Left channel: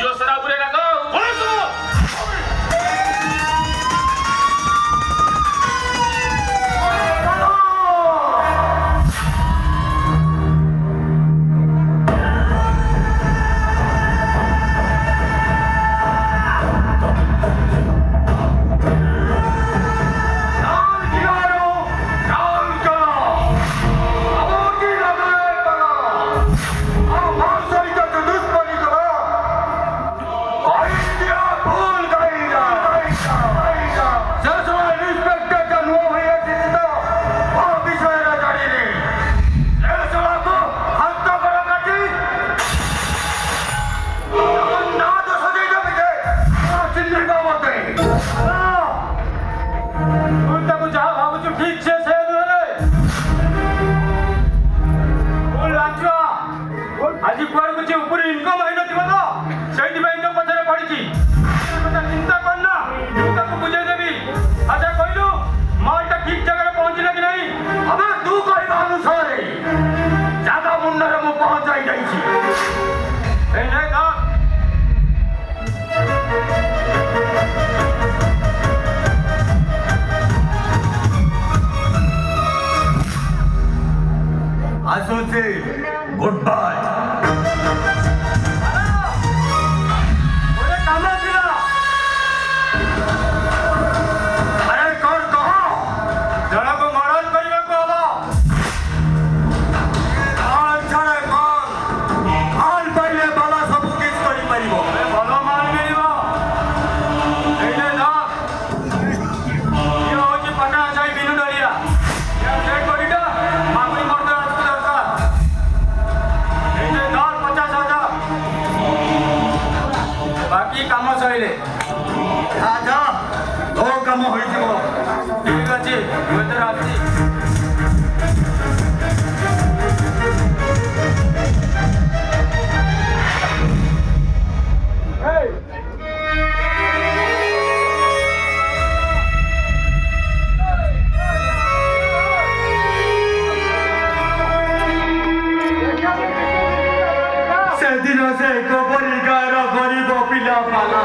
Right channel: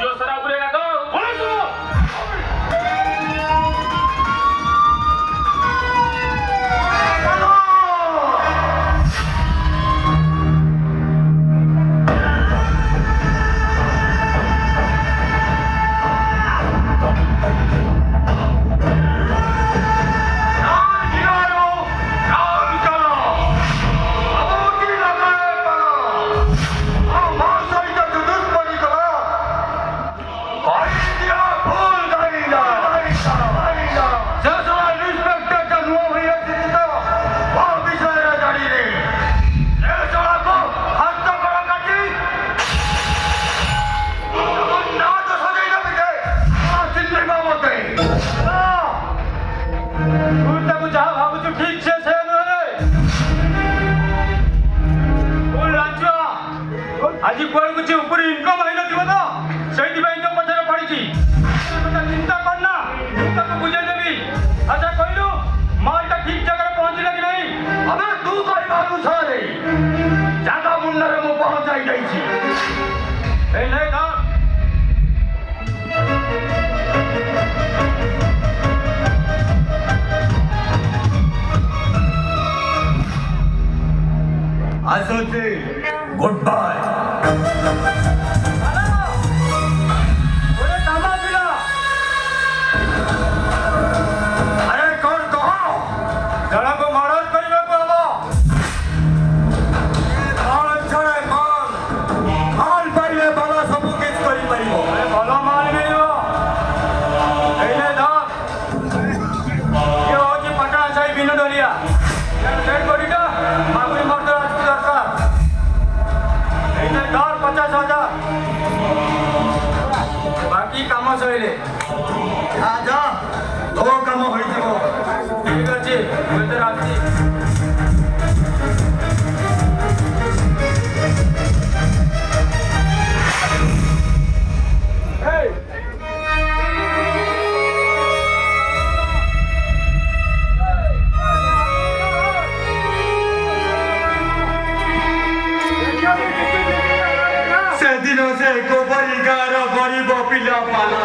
जो सरा पूरे रखो आज कुआर कुछ ऊपर इनकम आई ना तो सही भाई इनकम पछरे पड़ी चिंता करना को बुझे देवी अच्छा कहलु मालटा ठीक जगह पहुंचला कि नहीं अबे तू कहबा अनुसार जागा मुंडर मु पहुंचाई जाई छी ए नहीं ना आसोचे गुड बाय बाकी काम सहिले आज तो काम होइथिबो ठीक अछि होते राती से दिनों से गोबरी गार गरीब पिला पाला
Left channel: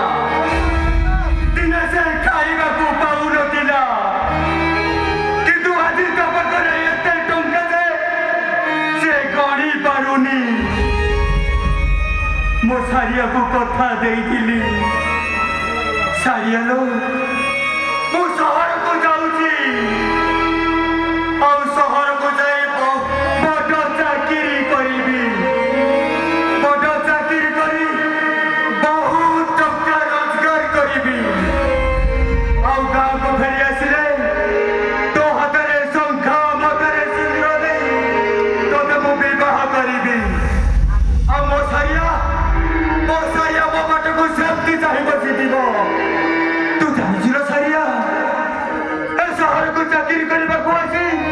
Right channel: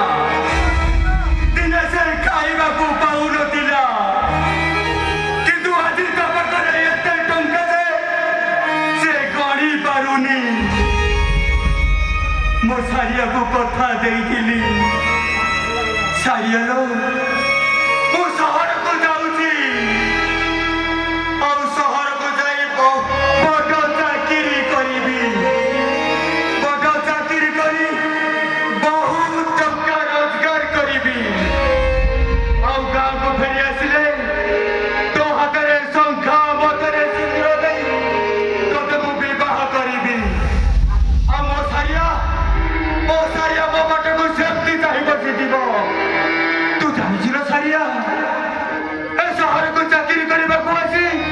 दिन से खाइबा को पाउर दिला किंतु आज तपकरे एते टंका दे से गड़ी पारुनी मो सारिया को कथा देइथिली सारिया लो मो शहर को जाउची और शहर को जाई बड़ चाकरी करिबी तू जानी सारिया शहर को चाकरी करने को आसी